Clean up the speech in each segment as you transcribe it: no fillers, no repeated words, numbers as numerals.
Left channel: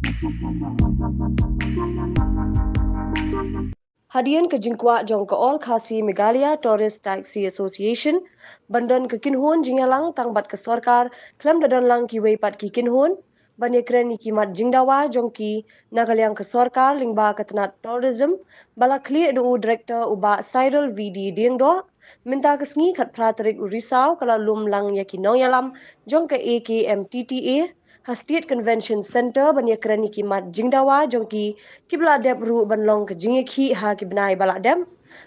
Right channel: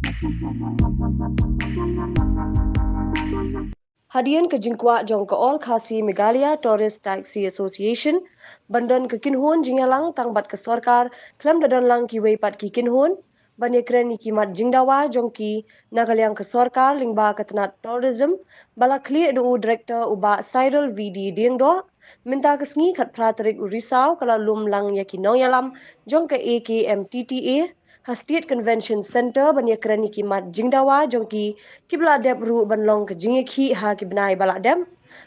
Hadien ke Jingkwak jong ke All Khasi Meghalaya Tourist Taxi Association, bandan ke Kynhun jingalang tangbat ke sorkar, klam dadan lang Kiwei pat ki Kynhun, banye kren ni kimat jingdawa jong ki nagalyang ke sorkar lingba ke tenat tourism, bala kli du director uba Cyril VD Diengdo, minta kesngi kat praterik urisau kala lum lang yaki nongyalam jong ke AKMTTA, Hastit Convention Center banye kren ni kimat jingdawa jong ki kibla dep ru ban long ke jinge khi ha ki bnai bala dem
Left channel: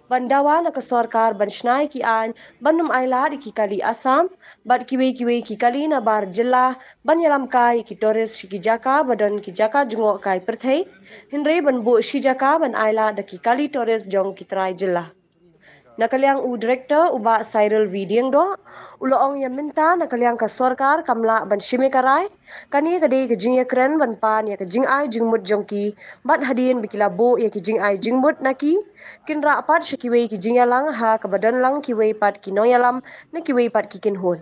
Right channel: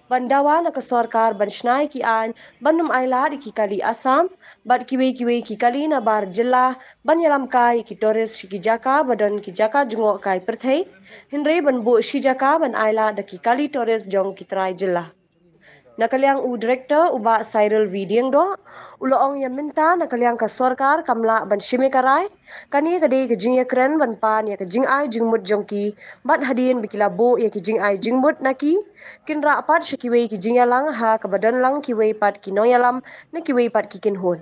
bandawa na ka sarkar ban shnai ki an banum aila ki kali asam bad kiwe ki kali na bar jilla ban yalam kai ki tourist ki jaka badan ki jaka jungo kai perthai hinre ban bo shi jaka ban aila da ki kali tourist jong ki trai jilla Nakaliang u director uba Cyril Vidiang do uloong yang minta nakaliang ka sarkar kamla ban shime karai kani kade ke jing kren ban pan ya ke jing ai jingmut jongki bat hadien bikila bo ya ke jing ai jingmut naki kinra pat shikiwe ki jingalang ha ka badan lang kiwe pat ki noyalam na kiwe pat ki Kynhun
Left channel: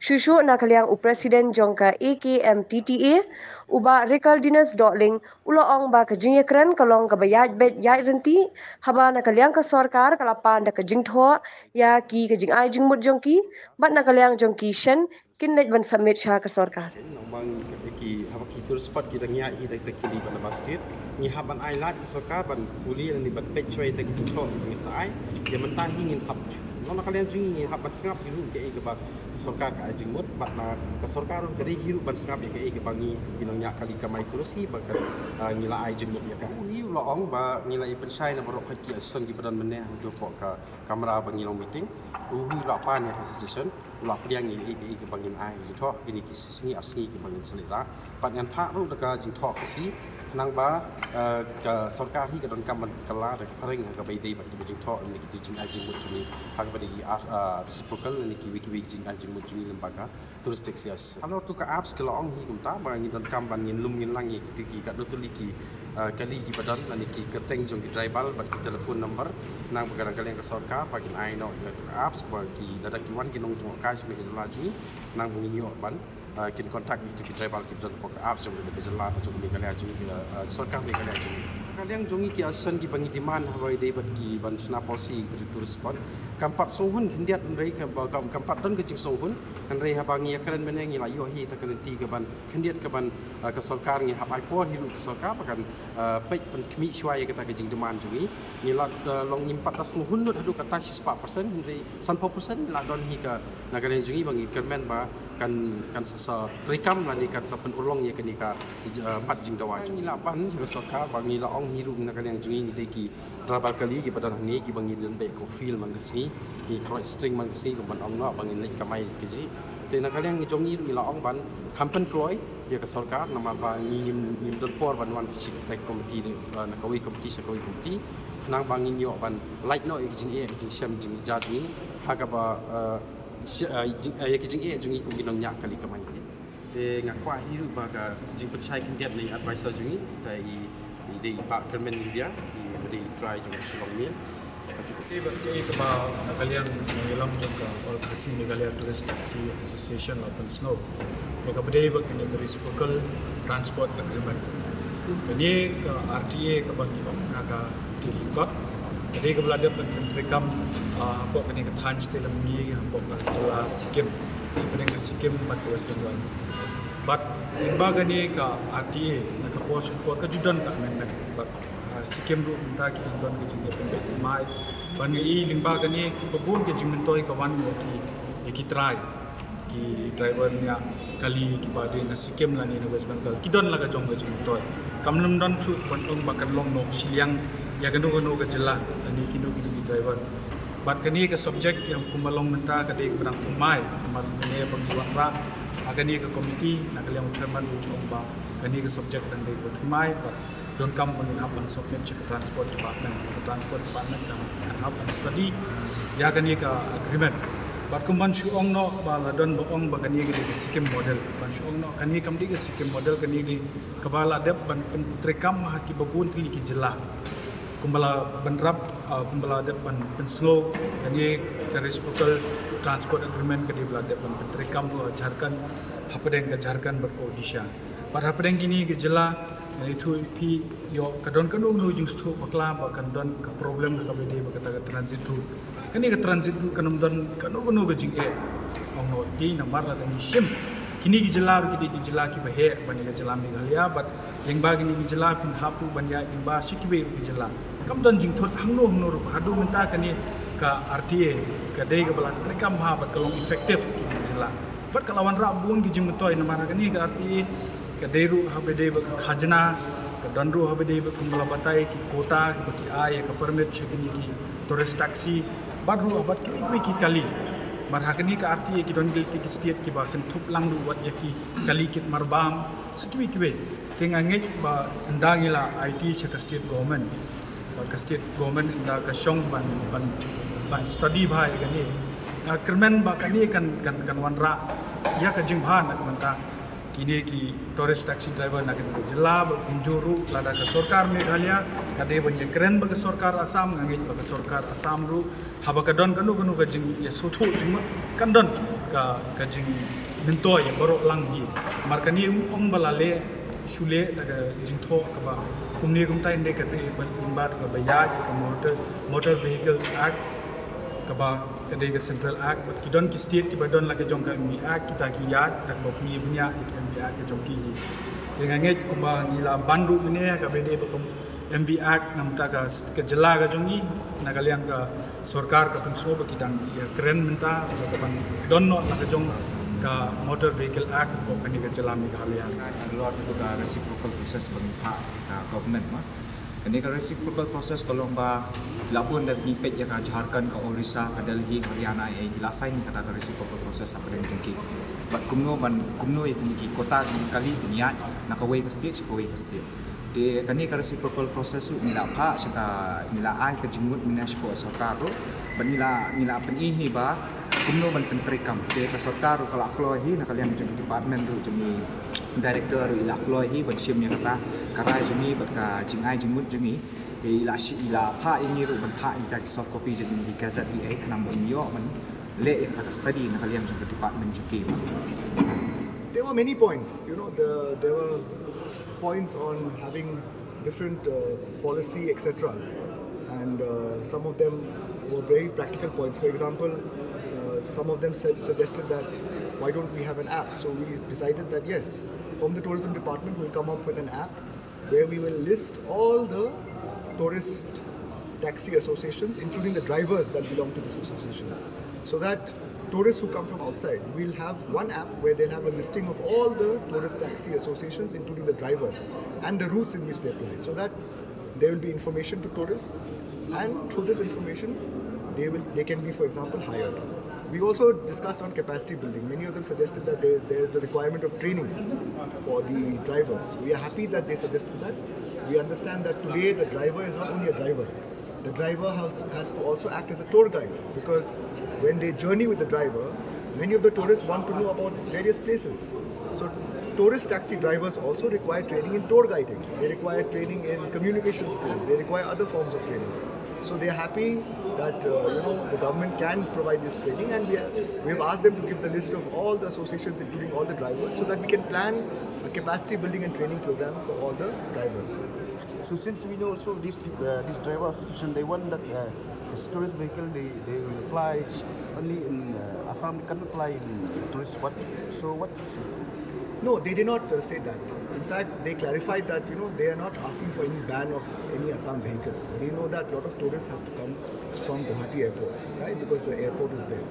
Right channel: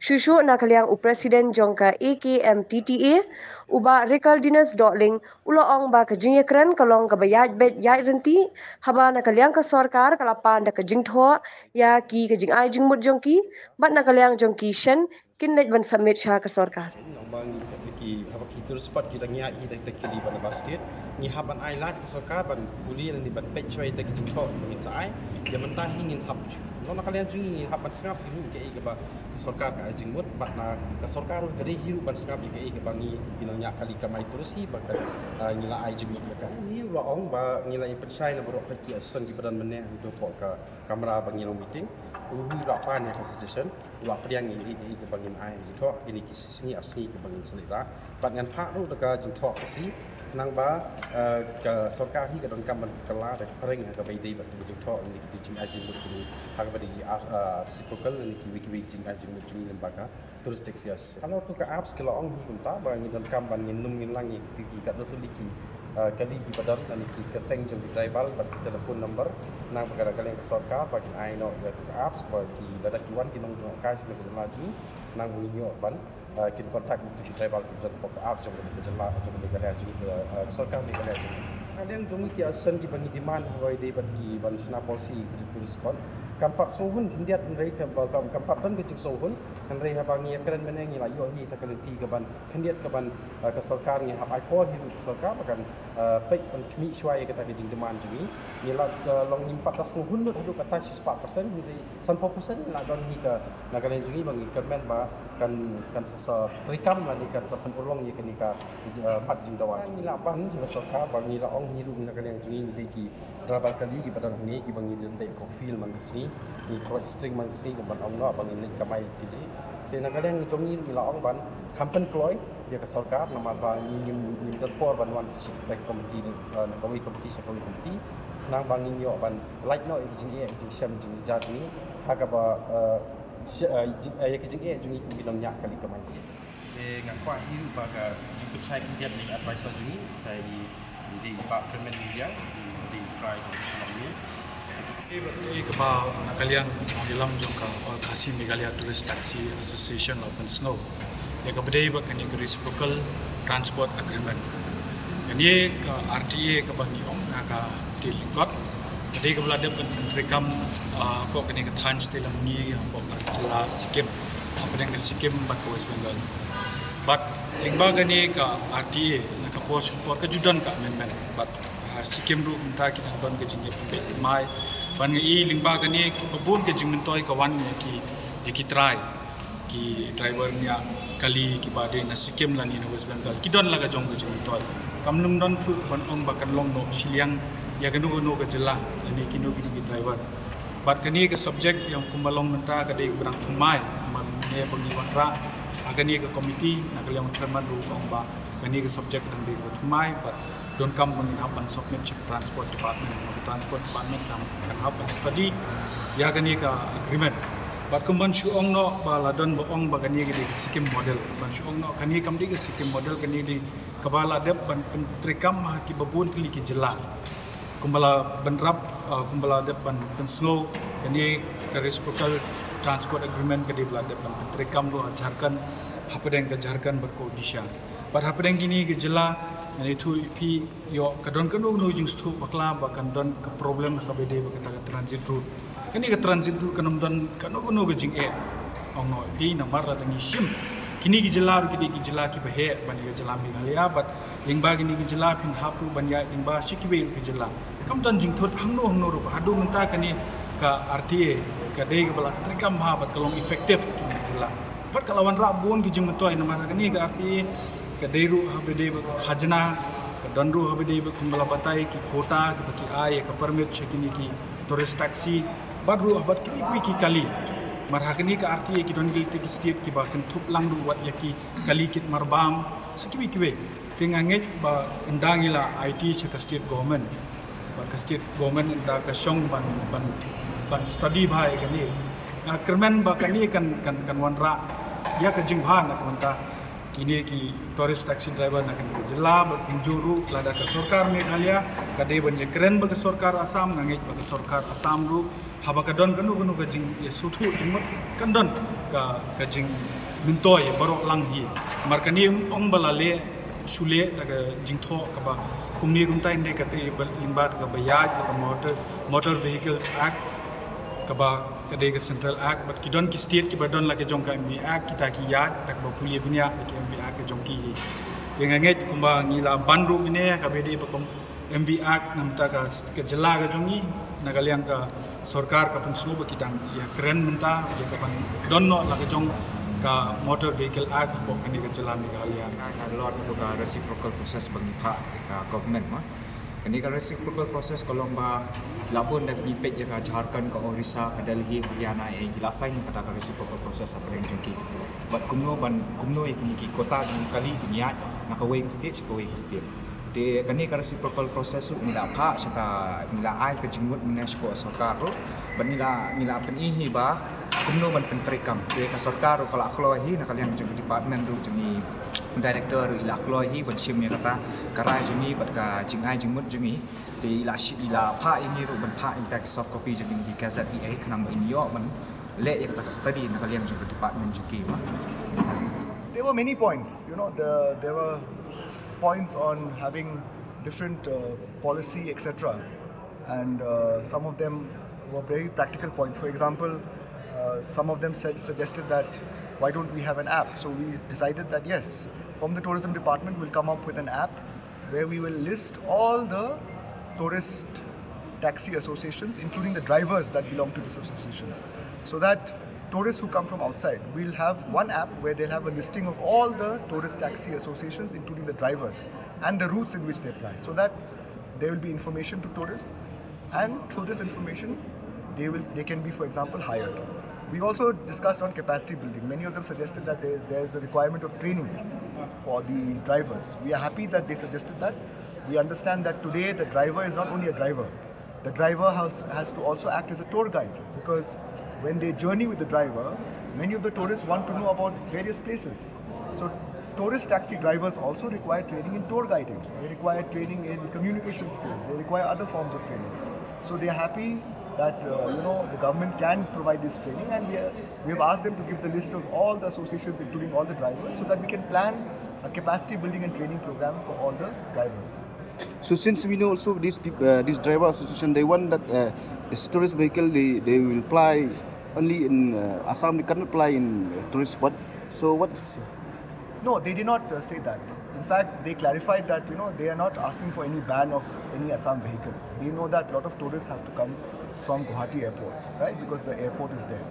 Shushu nakaliang u presiden jongka AKMTTA uba Ricardinus Dotling uloong ba ka jing kren kalong ka bayaj bet yai renti haba nakaliang ka sarkar kalapan da ka jing tho ya ki ka jing ai jing mut jongki bat nakaliang jongki Shen kinlet ban submit sha ka sarkar bang ki haba ki tur spot ki tangya I dak kili ban bastit ni haban ai lat ki sarkar ban puli ni ban pet choi tak jing tho ni sai ya man ta hingin sap no nakaliang jing haban sngap ki ke ba sarkar ka jing mut bat na ka sarkar ka ri hiru ban sngap ke bangi kinongnya kali kamai terus hi ba ngila ai jing mut ya ka hi lo ong ba ngila I pensai na borok ki ason ki badan meneh do po ka kamera bangi long meeting hi lo pa ne ka session lo priang ni ke bangin ai jing tho ini ki sini asni ke bangin selera pat ngan phak ru ka jing tho ka si kenang ba ka sarkar hi ka don kam ban kala da ring ka bai dei bat jing tho ni ki jing ai jing mut ni ha ka badi reciprocal ni ki wiki jing ai jing mut ni lembaga touristic sias kalau tu ka apps ke lo ong hi kum ta ba ngi don kam ban ngin lum ngin lang ki ka no tu li ki kali ki badan ni ki keteng jong ki tribal bat ki telefon number nang kadang kali ka sarkar ba kin ai no ya tu ka apps ba ki dadak ki wan ki nong jong ka sini ko laju nang bungi yo ban kin kontak itu ki tribal ki badan ko ka apps jong ki jela jong ki kali aju sarkar ni kali aju kaliang jongi ki asan ki bangi demand hawai dei bat ki ban sna policy ki tulis ban kampat sohun hindiat rei ka kampat don ke jing sohun kan rei habangi akran meneng ila yo hi ta kan ti ka ban hindiat ka ban ka sarkar ngi habai por hiru ka sarkar kan pek ban kmi shwai ka ta ke jing demand jongi ni la long nyimpat tas sohun no hadu kata 4% rei 100% la don hi ka na kan jongi bangi kermen ba kan sa trikam la ni kan sa pen ulong ye kan ka pat jing dawa ni la ban ka sarkar bangi la ong hiru na kan jongi ni dei ki trabal kali ki badan ni ki bangi den be ko feel man kasi ni cross string man kasi ko ban ong no bangi ni kamai ki ji te na kalian ni jongi mi la ong ban kampen kloi ya ka sarkar nama ba ni nim don por ban wan chi tak komiti na kawi komiti sa kawi komiti nang bangin yo ban like no ki jing jing sham jing ja ni ha ka ba ki jing jing ku ginong nya kali kamai te ngakwa hi ba ka jing pechai kin dia ni advisor jing tai di pak kermen dia di try to selong ni Ke ba nakaliang mangilam jong ka All Khasi Meghalaya Tourist Taxi Association la pensngau ya ka bedai ba kani reciprocal transport agreement kani ka RTA ka bangi ong ka tilingkot kadai ka belada pentrekam apa kani ka than stelam ngi apa ka jelas sikim apa deng ka sikim bat ka West Bengal but lingba gani ka RTA na ka por ka judan ka amendment but sikim ru minta kita don ke jingge pembet mai ban ngi lingba gani babun ke jing mentoi ka wan ki try ki driver nya kali ki bade na sikim lani na West Bengal ki don laga jong ke jing mentoi kamlum don thu ban ong bakan long no siliang ya ganu ke jela ani kino ki driver bat kani ke subject yang kumbalong menta ka de berang thumai man ne bagi wanra agani ke komiti na kaliang chairman ru ong ba kani ke subject dang de thumai but don't come bangin hapan submit check transport department can have a study ya gani ka agreement but kumban shu ong no bala don bo ong ba gani ke sikim model ban shu ong no kani kam di ke sikim model kani di kabala dep ban pentrekam ha ki babun kli ki jela kumbala benrap kumbala dep ban pensngo kani ke reciprocal transport agreement ke di bala dep ban pentrekam no Jharkhand hapadeng ke Jharkhand berkodisha But hapedeng kini ke jela itu pi yo kadon kanu nu jing stu bakla bakan don ke problem ka bede bakata ke transit route. Kani ke transit route kanum don kanu ke jing ong no pi na marla dangi shim. Kini ki jela ru ki jela ki bahe bani ke jela Meghalaya but yang ba kini ki jela pin hapu banya yang ba Kiwei ru ki jela. Kam don jing thot hangno ru hadu menta kani ka RTA ka dei ke bala trikam ha bat kalong efektif kini jela. But kalawan rabun ki jing mutoi na mara kani ka RTA ka deru habede ba khajna ka danru habede ba kumbala batai ki kota ki baki ai ka permit chekini ki tourist taxi badru abat ki kali mar hakani ka RTA ki don gilti ki state ki ba kan thup langru wat yaki kali kit marbam sekiwi tinganget ba endangila IT chaka state government ba ka state government inda ka shong ban study bhai gani kermen ba kani kan wanra ya ka jingban nak menta kini ki tourist taxi driver nak ni jela berkunjuru lada ke sarkar Meghalaya kade ban ye keren ba ke sarkar Assam ngangit ba ke sarkar Assam ru haba ka don kanu ka jing ye suthu jingmut kan don ka jing mintoy barok lang hi markani ong balale shule daga jingtho ka ba kumni kumtai inde ka te limbat ka bayaj ka motor vehicles act ka ba kade ke central act but ki don ki state ki badon la ke jong ka MV act kita ki yat tak ba puye bunya ki MV act ke jong ki nganget kumba ngila banru bine ka bede ba kom MV act namta ka jela ka jongi nagaliang ka sarkar ka penso ba kitang ya keren menta ya ka ban donno la ka jong ka motor vehicle act ko kani ka jela Meghalaya lot tu ka reciprocal process bang ka government ma kani ka reciprocal process kolong ba labun dak ni pet ya ka Jharkhand ka Orissa ka Delhi Haryana e gilasai ni kata ka reciprocal process apa dengan jengki bat kumno e kini ki kota kali niat nakaway ka state ka state de kani ka reciprocal process lu nila pha saka nila ai ka Jingmut municipal sarkar ro ban nila penihi ba kumno ban pentrikam de ka sarkar kala aklohi nakalian department ru jeni director ila aklohi ban sim ya kata karai jeni bat ka jingai Jingmut jemi di ila pha ini ru ban pha ila ki soft copy jeni di gazette EA kanang ba inyo man le ya kata ka study nakalian jeng department juki ma. There were many points, there were points on having different policy, etc. And some of them were very practical points. For example, some of them suggested that why don't we have an app? So we decided that yes, from the tourism department we'll come up with an app where we will list all the tourist taxi associations, including the drivers that belong to these associations, so that tourists who come from outside will have one app where they'll have a listing of all the tourist taxi associations, including the drivers and the routes in which they apply, so that there will be information to tourists, and through this information they can be, for example, hired. We also discussed on capacity building. Many of them suggested that there's a requirement of training for the drivers. We are happy that they suggested that. We understand that today the driver is not only a driver. The driver has to also act as a tour guide, because when they journey with the driver, many of the tourists want to know about various places. So tourist taxi drivers also require training in tour guiding. They require training in communication skills. They require other forms of training. So they are happy that the government can provide this training, and we have asked them to give the list of all the associations, including all the drivers, so that we can plan a capacity building and training program for all the drivers. So since we know also this driver association, they want that this tourist vehicle they will apply only in Assam. They cannot apply in tourist spot. So what's? No, they did not say that. In fact, they clarified that they are not asking for any ban of any Assam vehicle. They know that a lot of tourists have to come from Guwahati airport, right? Because the airport is there.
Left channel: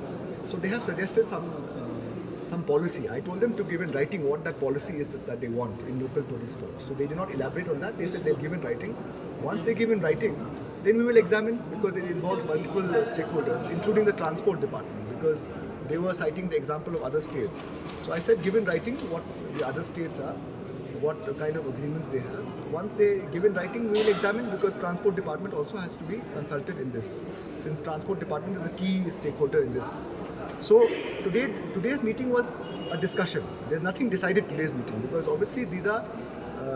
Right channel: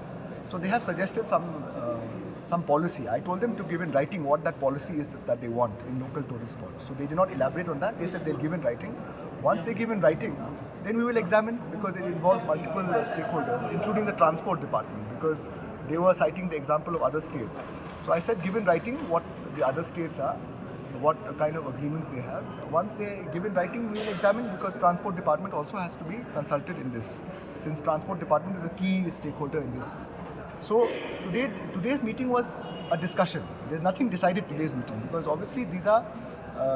So they have suggested some policy. I told them to give in writing what that policy is that they want in local tourist spots. So they did not elaborate on that. They said they'll give in writing. Once they give in writing, then we will examine, because it involves multiple stakeholders, including the transport department, because they were citing the example of other states. So I said give in writing what the other states are, what kind of agreements they have. Once they give in writing, we will examine, because transport department also has to be consulted in this, since transport department is a key stakeholder in this. So today's meeting was a discussion. There's nothing decided today's meeting, because obviously these are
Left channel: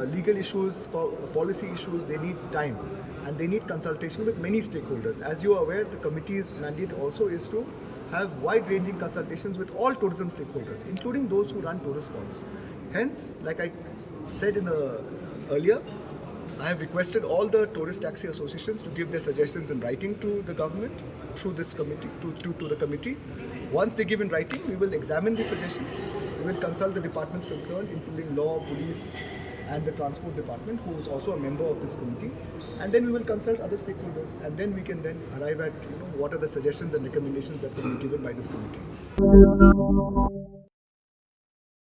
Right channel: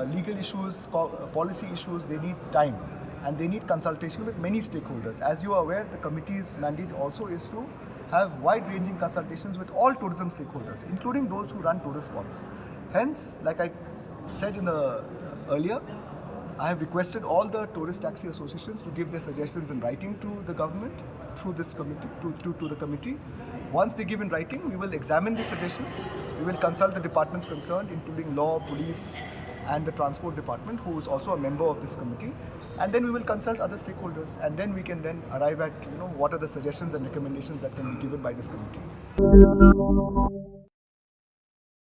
legal issues, policy issues. They need time, and they need consultation with many stakeholders. As you are aware, the committee's mandate also is to have wide-ranging consultations with all tourism stakeholders, including those who run tourist spots. Hence, like I said earlier, I have requested all the tourist taxi associations to give their suggestions in writing to the government through this committee, to the committee. Once they give in writing, we will examine the suggestions. We will consult the departments concerned, including law, police, and the transport department, who is also a member of this committee. And then we will consult other stakeholders, and then we can then arrive at what are the suggestions and recommendations that can be given by this committee.